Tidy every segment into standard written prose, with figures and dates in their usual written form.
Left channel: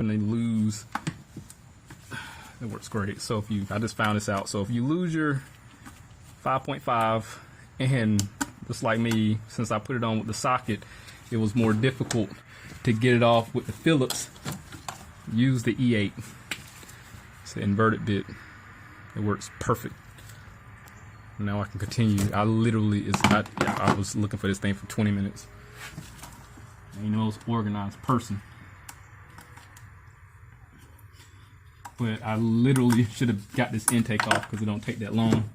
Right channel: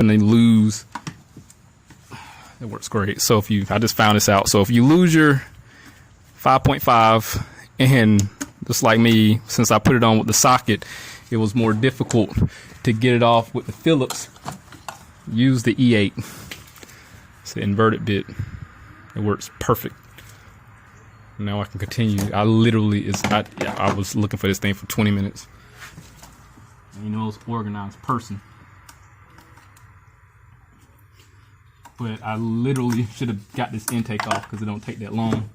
and they lose, it works great. So I just found this out. So if you lose your 5.5, and just like me, since I put it on with the socket, it was more difficult to get it off with the Phillips, use the E8. It's the inverted bit. It works perfect. Now I can continue. I was looking for this thing for 20 minutes. You know, it's an organized person. But I literally should have got this intake off because it don't take that long.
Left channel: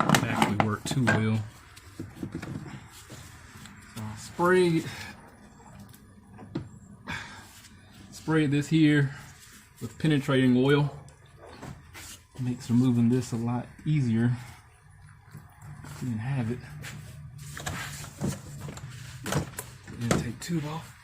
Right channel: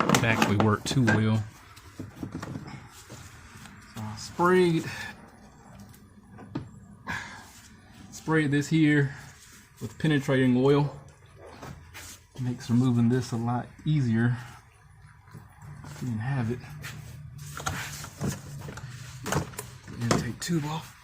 It actually worked too well. So I sprayed this here with penetrating oil. Makes removing this a lot easier. Didn't have it. Intake tube off.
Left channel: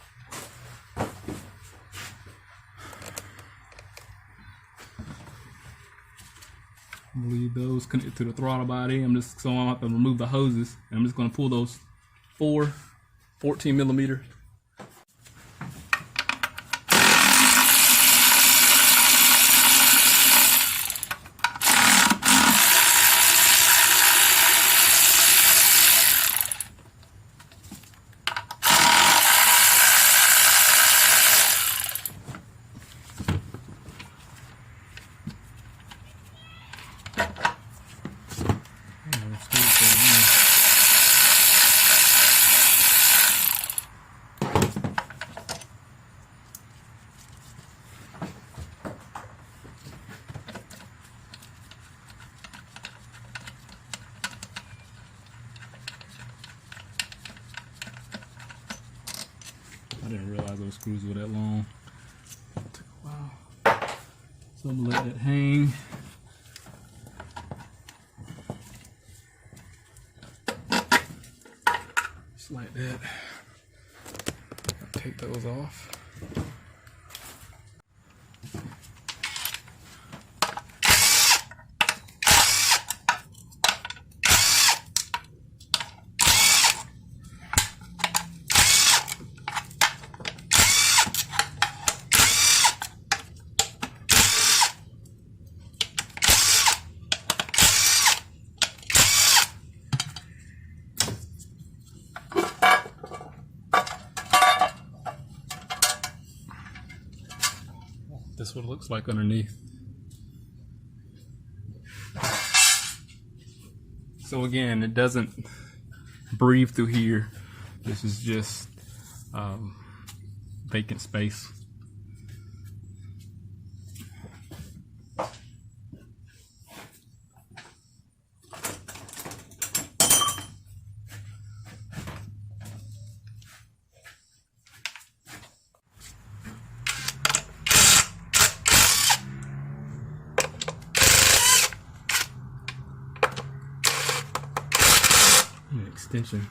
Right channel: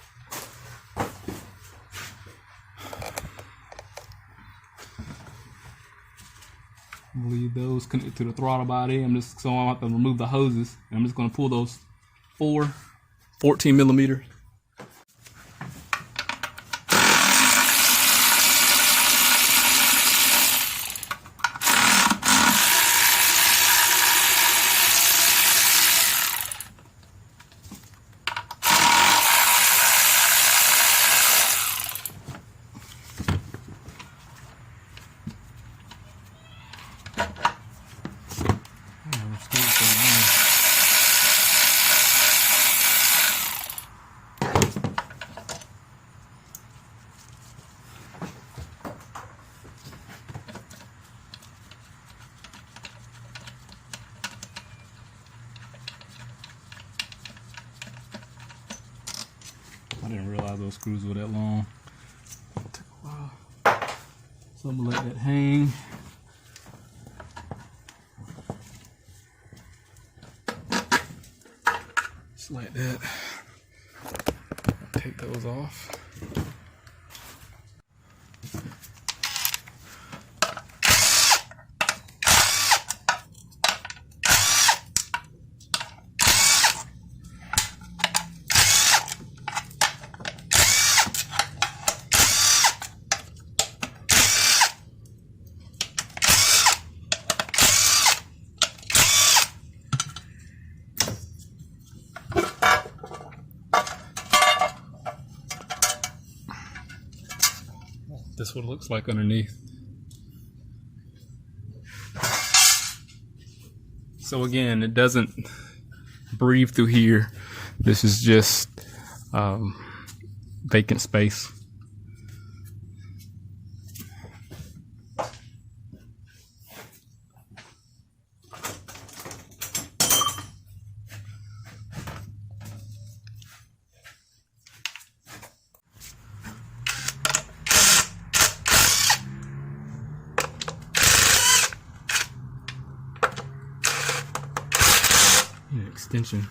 Leave those connected to the throttle body. I'm going to have to remove the hoses. I'm just going to pull those 14 millimeters. I didn't realize those screws were that long. It took a while. So I'm gonna let that hang. Just like that. Take those off. This is what it looks like underneath. So again, it doesn't breathe through here. This is just vacant space. Extension.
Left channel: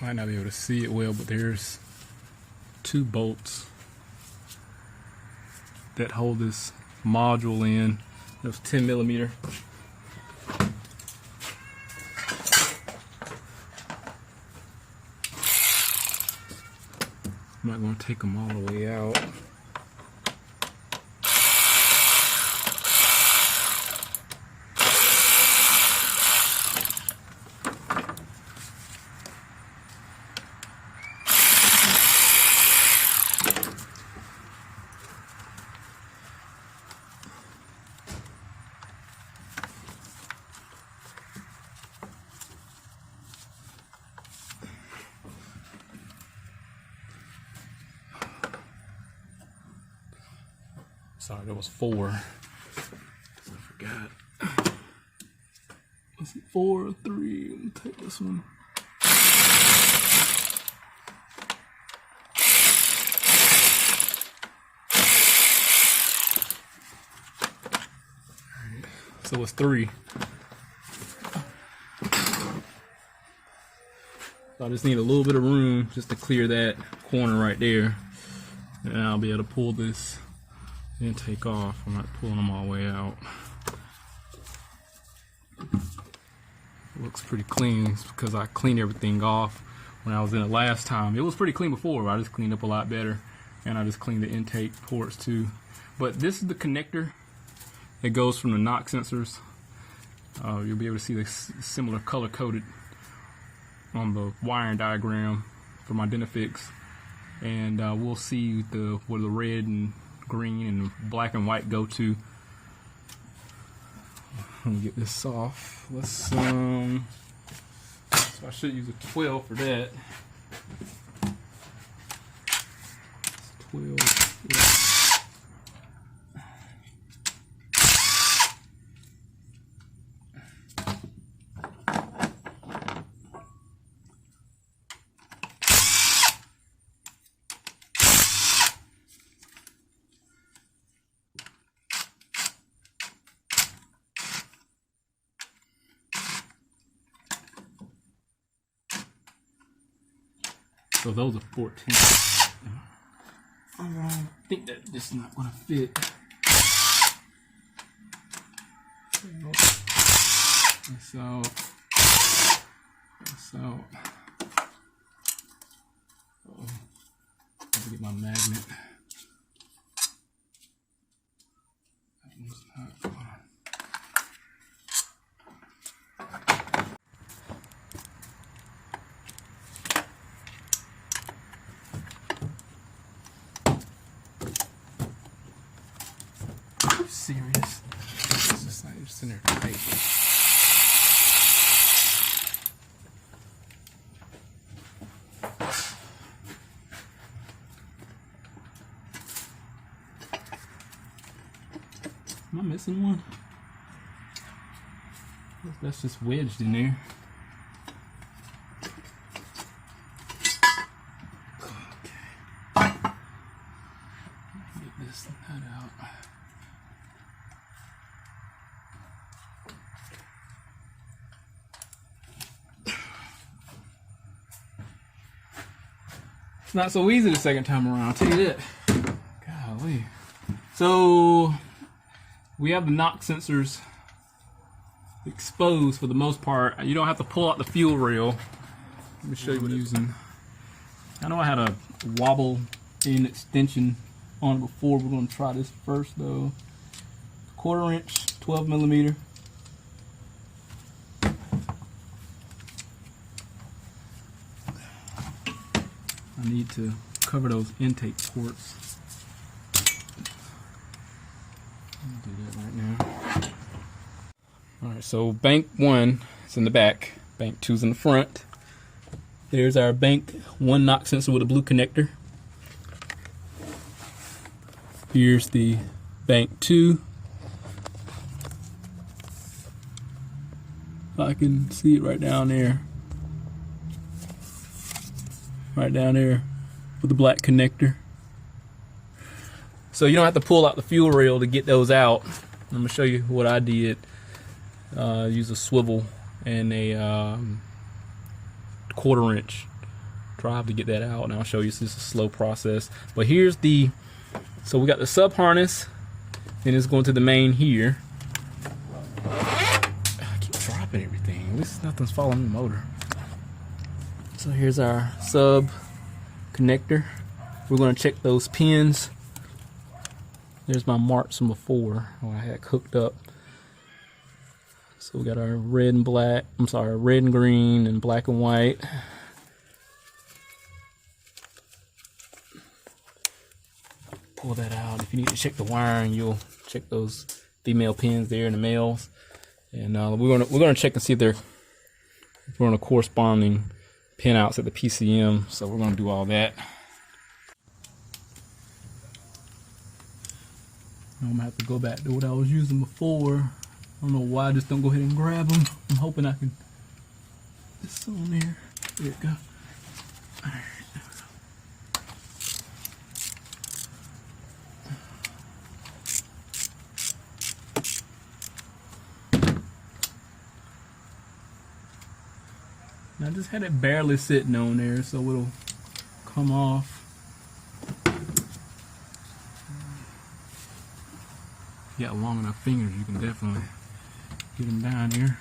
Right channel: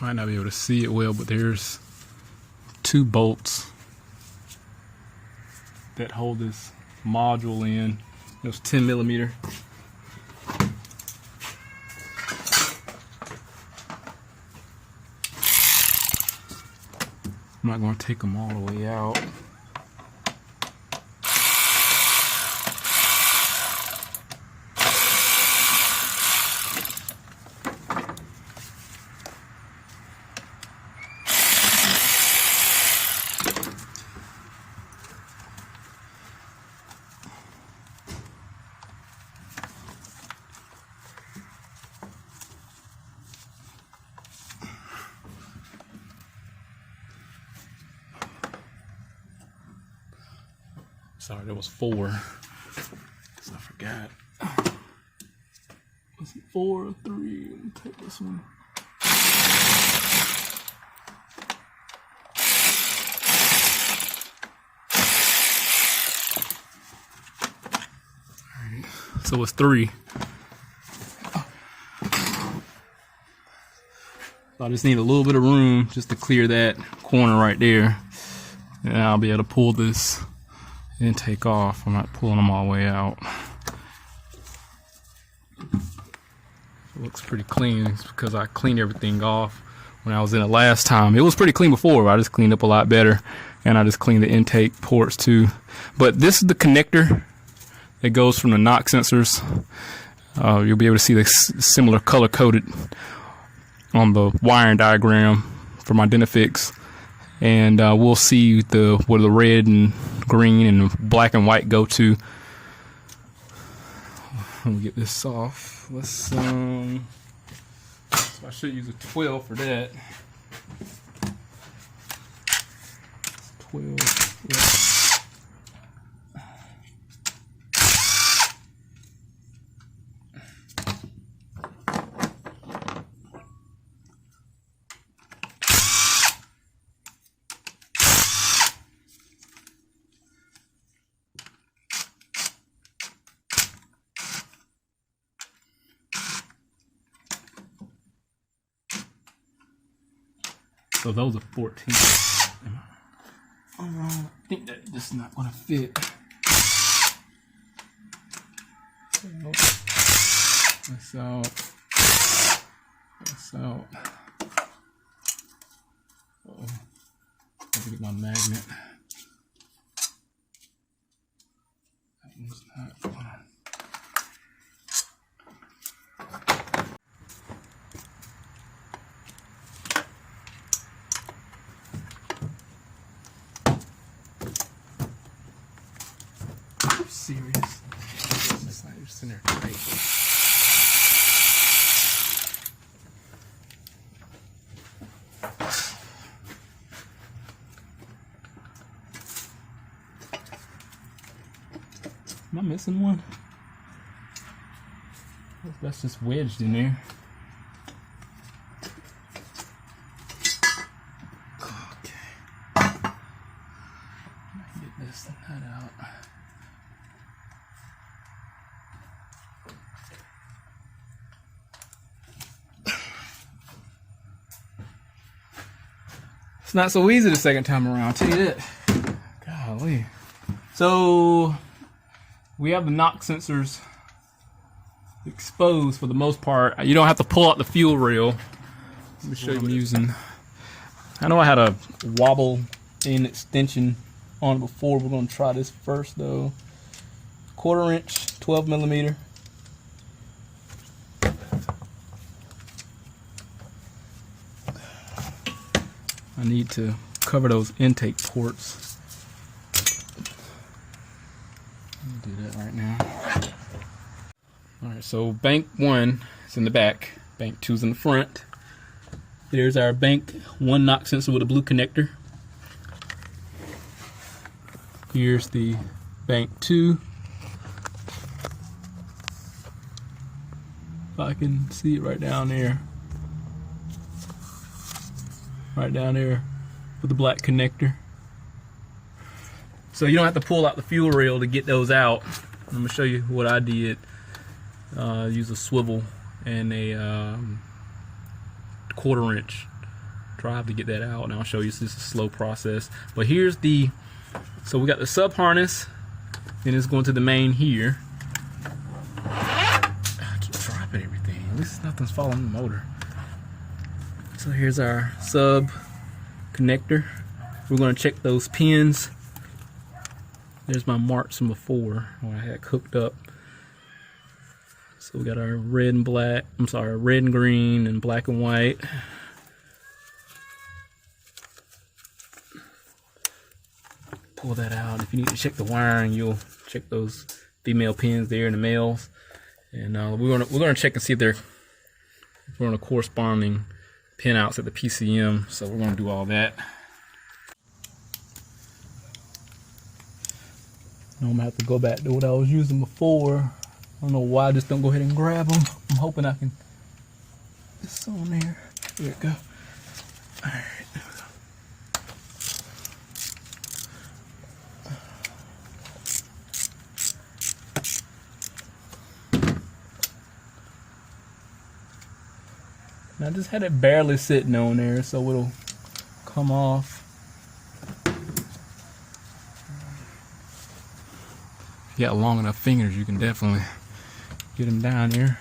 Might not be able to see it well, but there's 2 bolts that hold this module in. Those 10 millimeter. I'm not going to take them all the way out. Sorry, there was 4. I forgot. Was it 4 or 3? Let me take this one. So it's 3. So I just need a little bit of room just to clear that corner right there. And I'll be able to pull this and take off. I'm not pulling them all the way out. It looks pretty clean because I cleaned everything off when I was in it last time. It was pretty clean before, but I just cleaned up a lot better. And I just cleaned the intake ports too. But this is the connector that goes from the knock sensors. You'll be able to see the similar color coded on the wiring diagram from Identifix. And we'll see where the red and green and black and white go to. Let me get this off. Let's so I should use a 12 for that. 12. Yeah. So those are 14. I think that this is not going to fit. That's out. That's out. Oh, I have to get my magnet. That one's not going to. Serious. This is not just in there tight. Am I missing one? That's just wedged in there. Okay. Get this nut out. It's not so easy the second time around, I'll tell you that. Golly. So we have the knock sensors exposed for the most part. You don't have to pull out the fuel rail. Let me show you what I'm using. I know I had a wobble in extension on it before. We're going to try this first though. 1/4 inch, 12 millimeter. I need to cover those intake ports. Let me do that right now. Alright, so bank 1 is in the back, bank 2 is in the front. There's our bank 1 knock sensor with a blue connector. Here's the bank 2. If I can see it right down there. Right down there with the black connector. So you don't have to pull out the fuel rail to get those out. I'm going to show you what I did. Use a swivel and a 1/4 inch drive to get that out, and I'll show you. It's just a slow process. But here's the, so we got the sub harness, and it's going to the main here. I keep dropping everything. At least nothing's following the motor. So here's our sub connector. We're going to check those pins. There's my marks from before where I had hooked up. So we got our red and black, red and green and black and white. Pull that out. If you need to check the wiring, you'll check those female pins there and the males. And we're gonna check and see if they're on a corresponding pin outs at the PCM. So we're gonna do all that. I'm gonna have to go back to what I was using before. I don't know why I just don't go ahead and grab them. I'm hoping I can. It's on there. There we go. All right. And I just had it barely sitting on there, so it'll come off. If you got long enough fingers, you can definitely get them down here.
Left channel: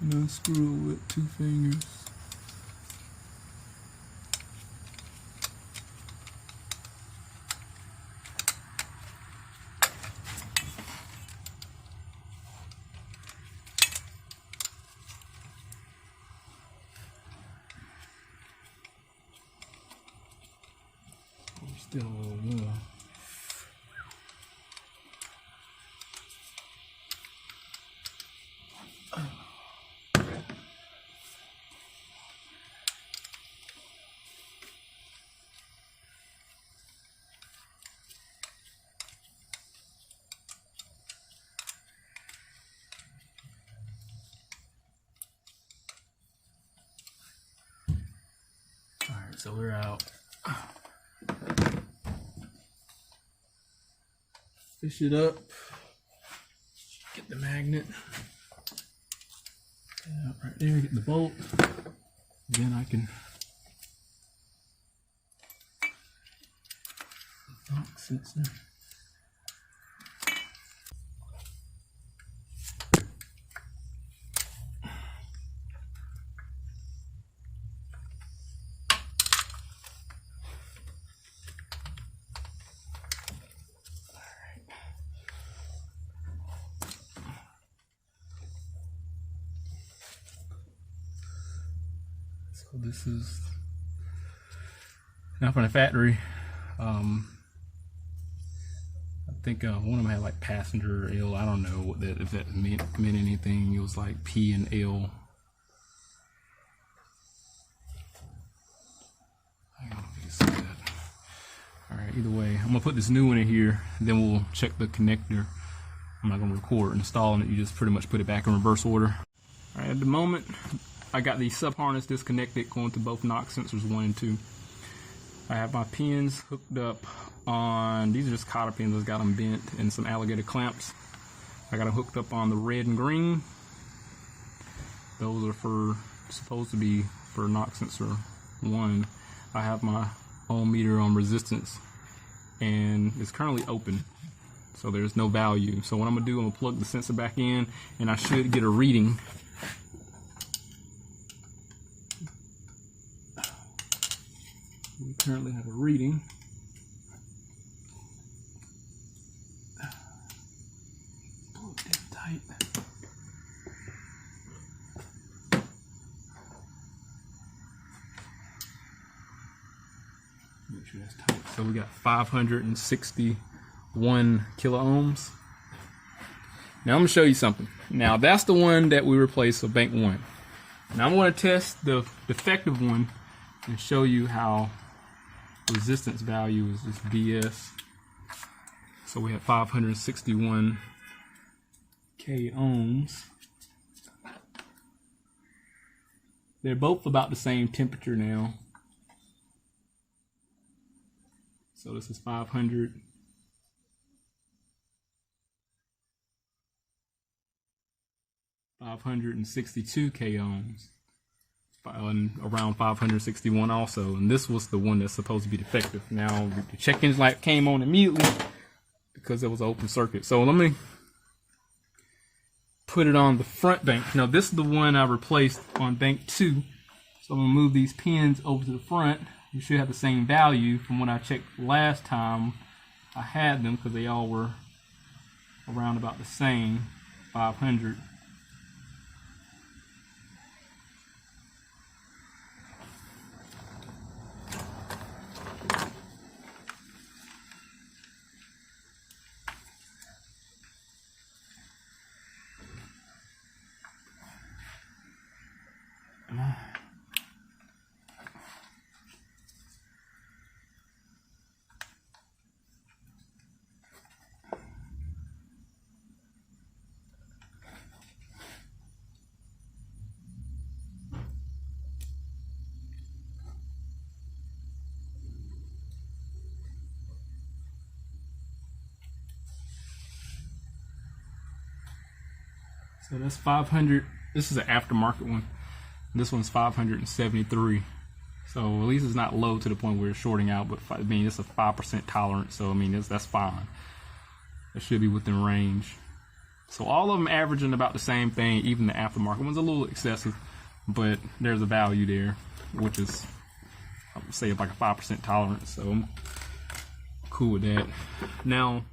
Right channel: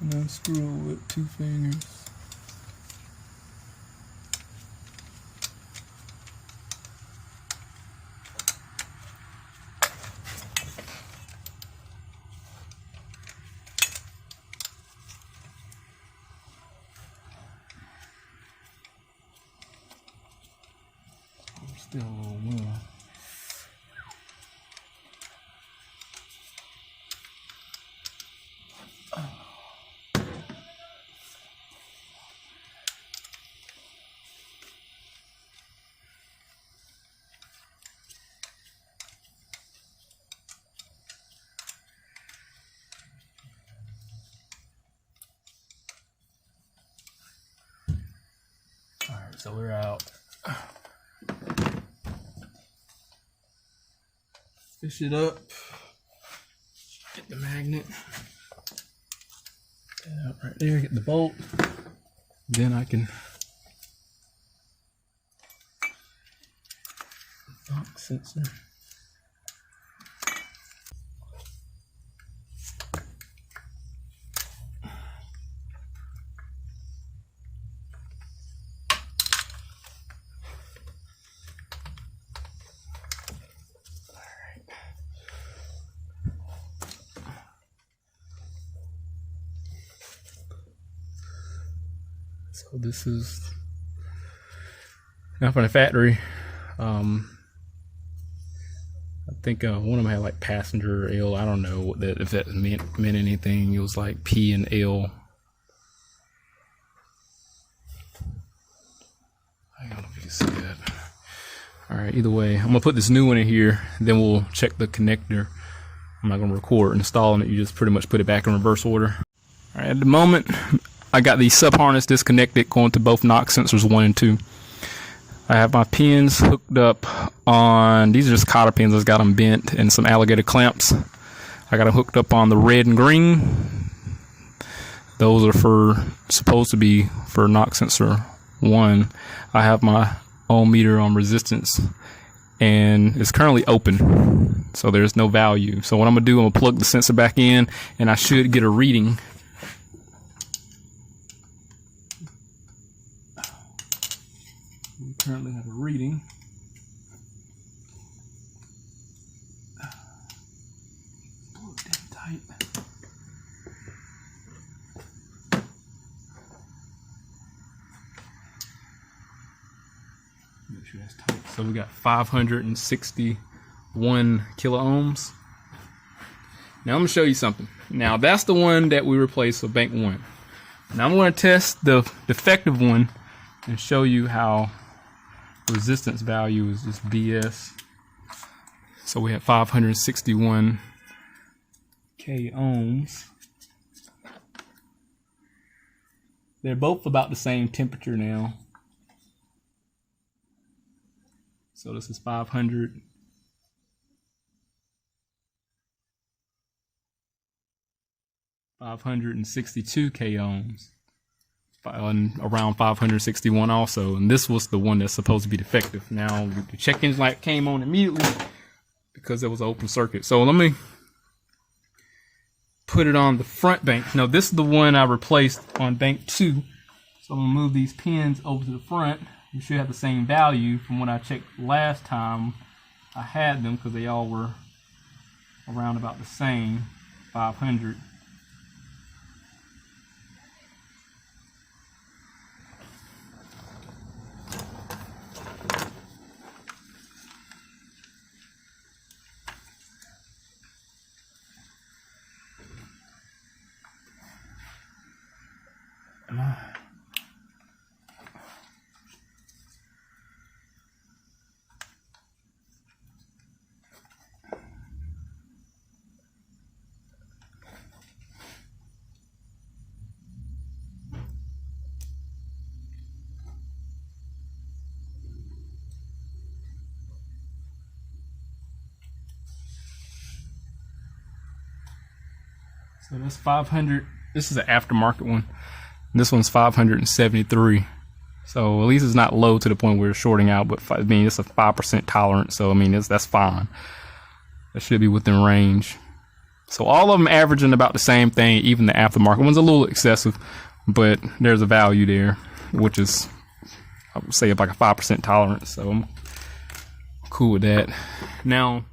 And unscrew it with 2 fingers. Still a little warm. Alright, so we're out. Fish it up. Get the magnet. Get it out right there, get the bolt. Then I can sensor. So this is now from the factory. I think one of them had like passenger L. I don't know what that, if that meant anything. It was like P and L. I don't know if you can see that. All right, either way, I'm gonna put this new one in here, then we'll check the connector. I'm not gonna record installing it. You just pretty much put it back in reverse order. All right, at the moment, I got the sub harness disconnected going to both knock sensors 1 and 2. I have my pins hooked up on, these are just cotter pins, I've got them bent, and some alligator clamps. I got them hooked up on the red and green. Those are supposed to be for knock sensor 1. I have my ohm meter on resistance, and it's currently open, so there's no value. So what I'm gonna do, I'm gonna plug the sensor back in, and I should get a reading. We currently have a reading. Pull it down tight. Make sure that's tight. So we got 561 kilo ohms. Now I'm gonna show you something. Now that's the one that we replaced with bank 1. Now I'm gonna test the defective one and show you how resistance value is just BS. So we have 561 K ohms. They're both about the same temperature now. So this is 562 K ohms. around 561 also, and this was the one that's supposed to be defective. Now the check engine light came on immediately because there was an open circuit. So let me put it on the front bank. Now this is the one I replaced on bank 2. So I'm gonna move these pins over to the front. You should have the same value from when I checked last time I had them, because they all were around about the same, 500. So that's 500. This is an aftermarket one. This one's 573. So at least it's not low to the point where it's shorting out, but I mean, it's a 5% tolerance. So I mean, that's fine. That should be within range. So all of them averaging about the same thing. Even the aftermarket one's a little excessive, but there's a value there, which is, I would say, like a 5% tolerance. So I'm cool with that. Now,